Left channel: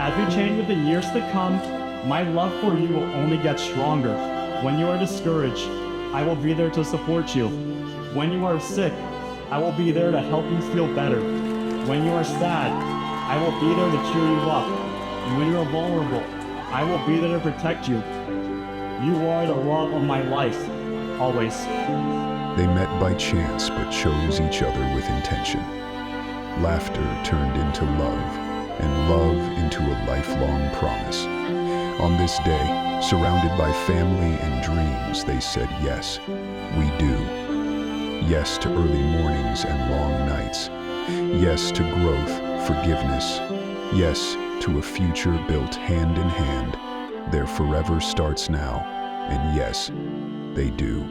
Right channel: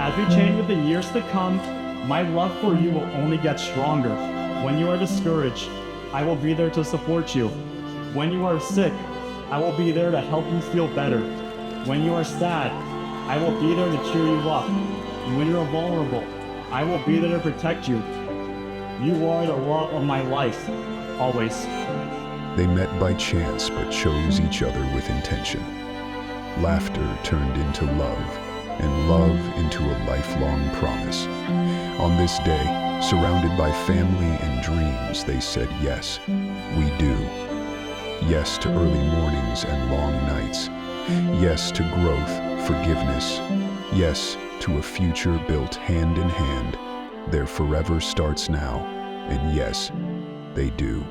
As we change with the years to come, my love for you will only get stronger. When you are discouraged, I will be there to support you. When you are sick, I will be there to help you feel better. When you are sad, I will be there to cheer you up. And when you are vulnerable, I will be there to protect you. You are the love of my life, always. They met by chance but chose each other with intention. Laughter turned into love, and love into a lifelong promise. On this day, surrounded by family and dreams, they said yes, we do. Yes to early mornings and long nights. Yes to growth, forgiveness. Yes to a future built hand in hand. Their forever starts now, and yes, they do.